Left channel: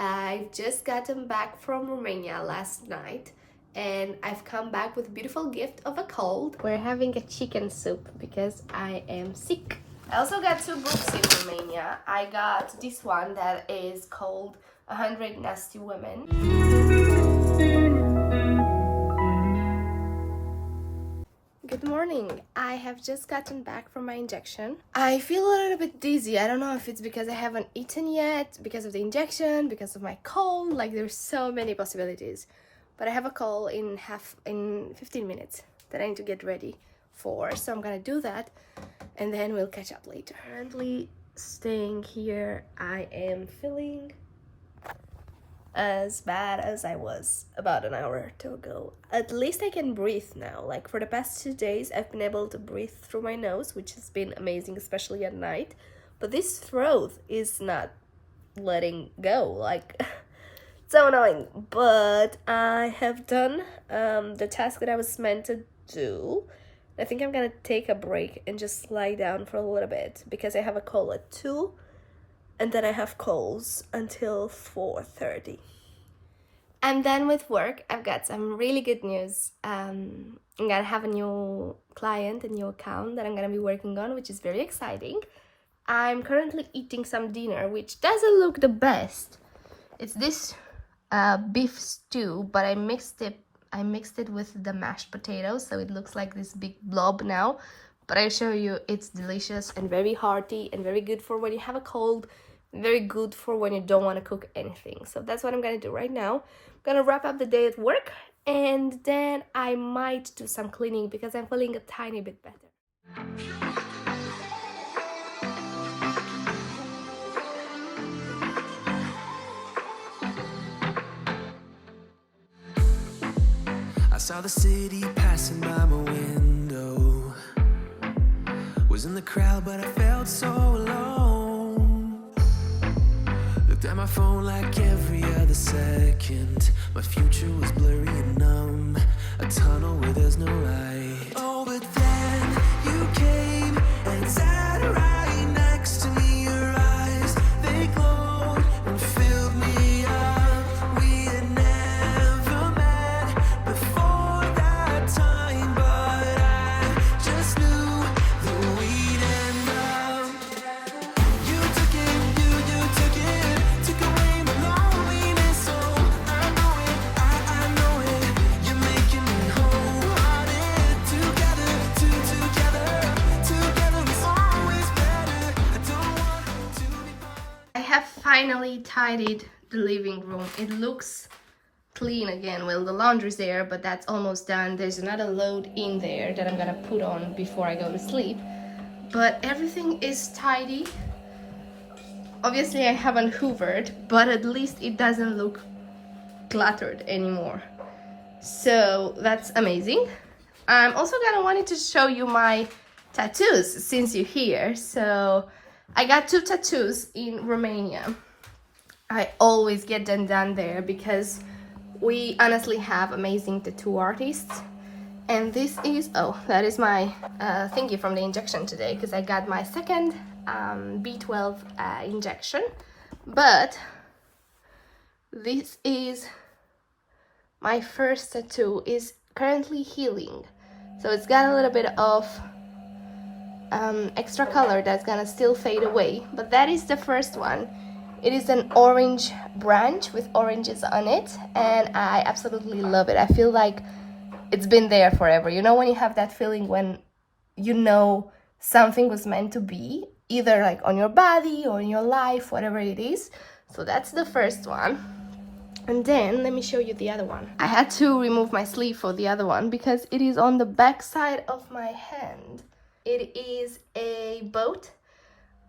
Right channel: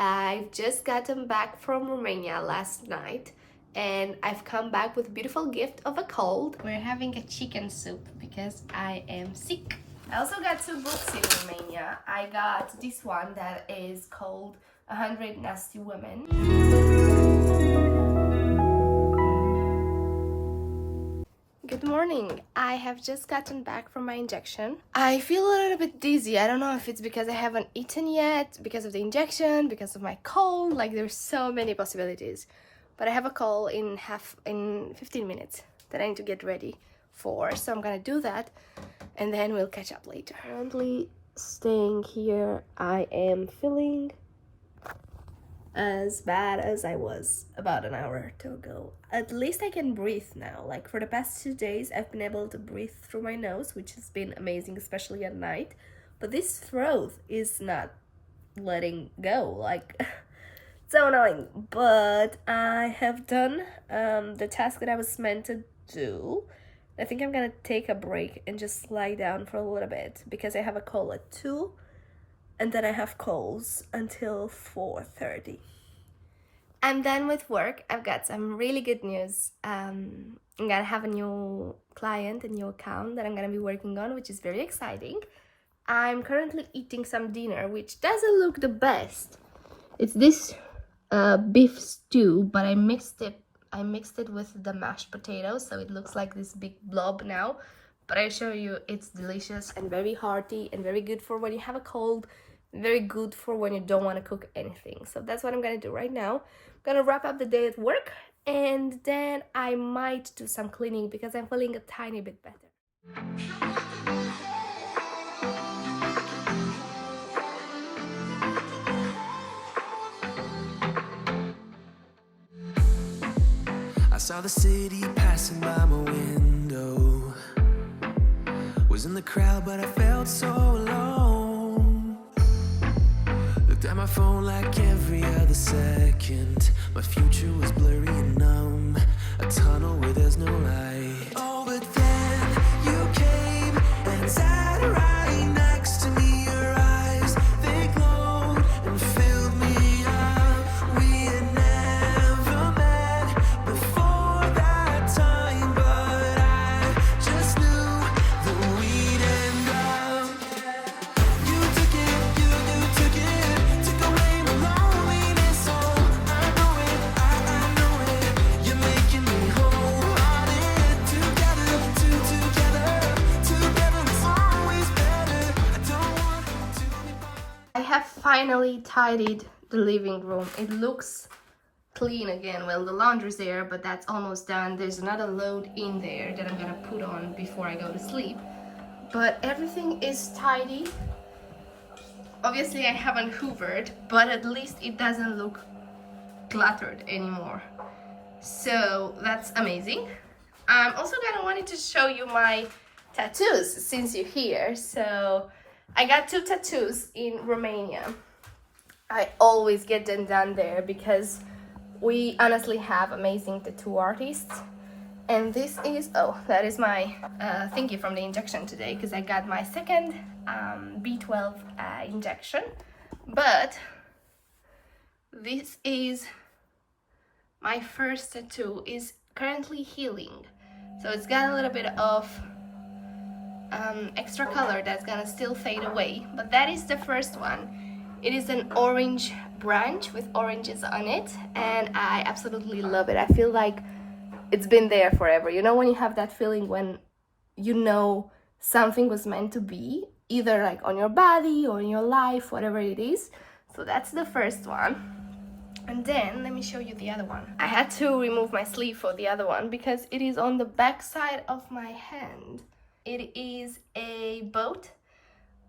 I've just gotten back from Romania last night and I've come back with a beautiful gift of a cold. We're having a chicken soup because I am sick. I also got two books in Romania. I got this one that is called 100 Nasty Women. Good morning. I have just gotten back from my injection. I feel a little bit dizzy. I don't know if it's because I haven't eaten yet, because of the injection, because of my cold. Like, there's so many possibilities. But I have a call in 15 minutes that I need to get ready for. So I'm gonna do that and then we'll catch up later. Currently staying here, I am feeling as bad as I was about an hour or two ago. At least I can breathe now. Like, for the past 2 days I've been able to breathe through my nose, which has been amazing, especially at night. But this throat is not letting go. Like, so annoying. But I have done the task that I was meant to do. I think I'm gonna take a break and just lie down for a little bit because I have a call at 2 and then I have calls until 4:30. I'm done with work. I've got some really good news. I'm gonna have a new client, a new account that I'm gonna be working on, which is very exciting. I'm currently eating some dinner, which doesn't look the best. It's this beef stew, but I mixed it with the mashed potatoes, so it looks like this big blob now. But I assure you, it's delicious and very hearty and very good for when you have a cold. Very good for when you don't want to cook anything. So that's what I'm gonna do right now. I'm gonna wrap up the day at work and then I might do some cleaning because I'm feeling a tiny bit better. I saw the city passing by my window. Was in the crowd, but I felt so alone. Looked at my phone like every other second. My future was blurry and numb. A tunnel where there's no light. Oh, but then you came and sat right next to me. Your eyes, they glowed and filled me up. We had never met before that time, but I just knew that we'd end up. You took it, you took it, took away my loneliness. Oh, I know it, I know it. You're making me wholehearted. Together, together is always better. I don't want to be part. I have finally tidied the living room. It looks clean again. Well, the laundry's there, but that's almost done. There's another load in there that I'm gonna put on before I go to sleep. But everything is tidy. Obviously I haven't hoovered, but at least it doesn't look cluttered anymore. So that's amazing. I'm also gonna wanted to show you my tattoos since you're here. So I got 2 tattoos in Romania. I always get them done there because we honestly have amazing tattoo artists. And this is, oh, that is my thingy from the injection today, because I got my second B12 injection. But this is my first tattoo, is currently healing. So it's got a little bit of extra color that's gonna still fade away. But that is the first one. It is an orange branch with oranges on it, and I absolutely love it. I feel like it's been there forever. You know when you have that feeling when you know something was meant to be, either like on your body or in your life, whatever it is. So that's the first one. And then let me show you the other one. I had to remove my sleeve for the other one because it is on the back side of my hand. It is a boat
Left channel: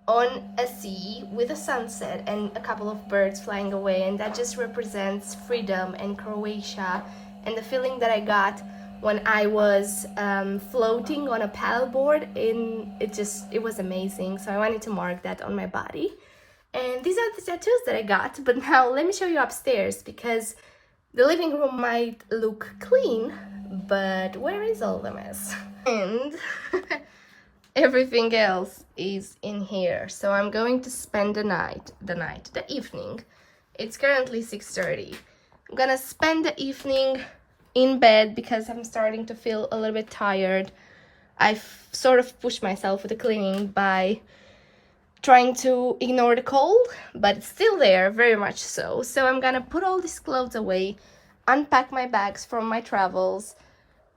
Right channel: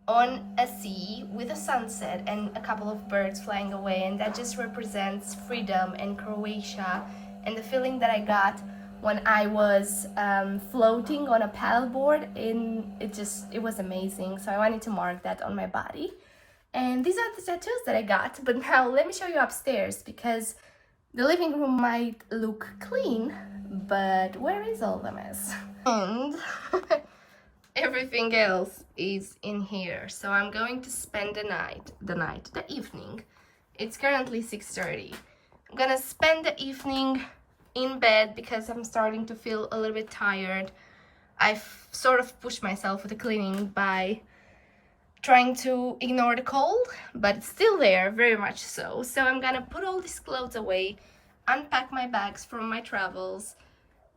on a sea with a sunset and a couple of birds flying away, and that just represents freedom and Croatia and the feeling that I got when I was floating on a paddleboard. It was amazing. So I wanted to mark that on my body. And these are the tattoos that I got. But now let me show you upstairs, because the living room might look clean, but where is all the mess? And everything else is in here. So I'm going to spend the evening It's currently 6:30. I'm gonna spend the evening in bed because I'm starting to feel a little bit tired. I've sort of pushed myself with the cleaning by trying to ignore the cold, but it's still there, very much so. So I'm gonna put all these clothes away, unpack my bags from my travels,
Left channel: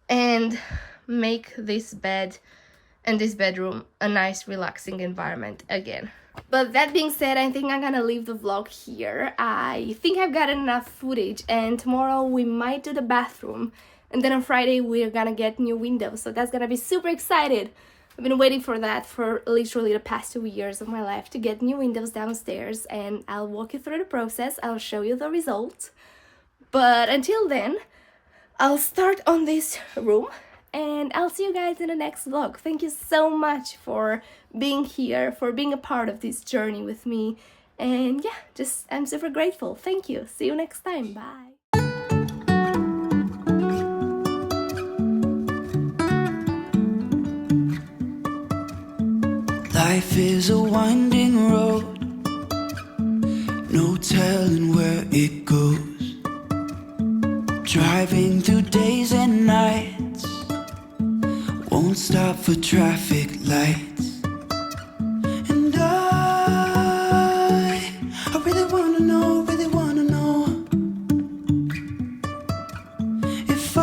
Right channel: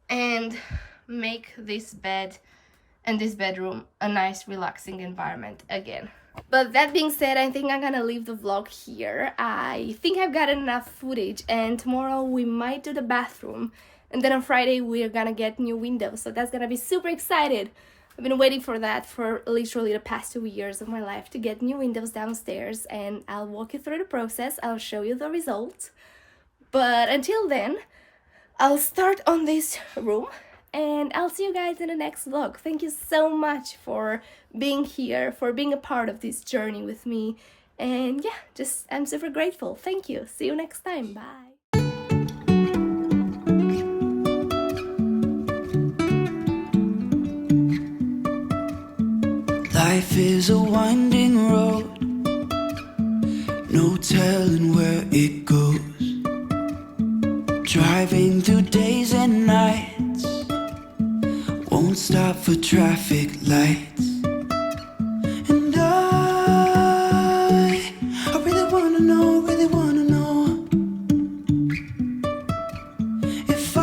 and make this bed and this bedroom a nice relaxing environment again. But that being said, I think I'm gonna leave the vlog here. I think I've got enough footage, and tomorrow we might do the bathroom, and then on Friday we're gonna get new windows, so that's gonna be super excited. I've been waiting for that for literally the past 2 years of my life, to get new windows downstairs, and I'll walk you through the process. I'll show you the result. But until then, I'll start on this room, and I'll see you guys in the next vlog. Thank you so much for being here, for being a part of this journey with me. And yeah, I'm super grateful. Thank you. See you next time. Bye. Life is a winding road, no telling where it goes. Driving through days and nights, won't stop for traffic lights. And I really wanna know if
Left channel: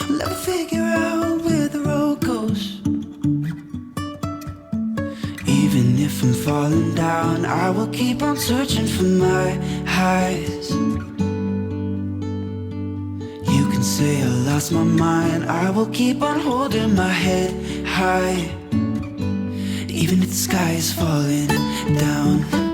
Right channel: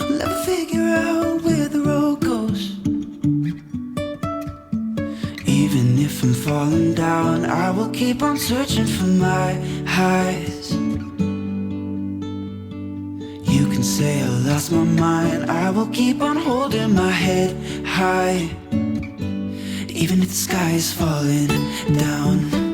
will ever figure out where the road goes. Even if I'm falling down, I will keep on searching for my highs. You can say I lost my mind, I will keep on holding my head high. Even if the sky is falling down.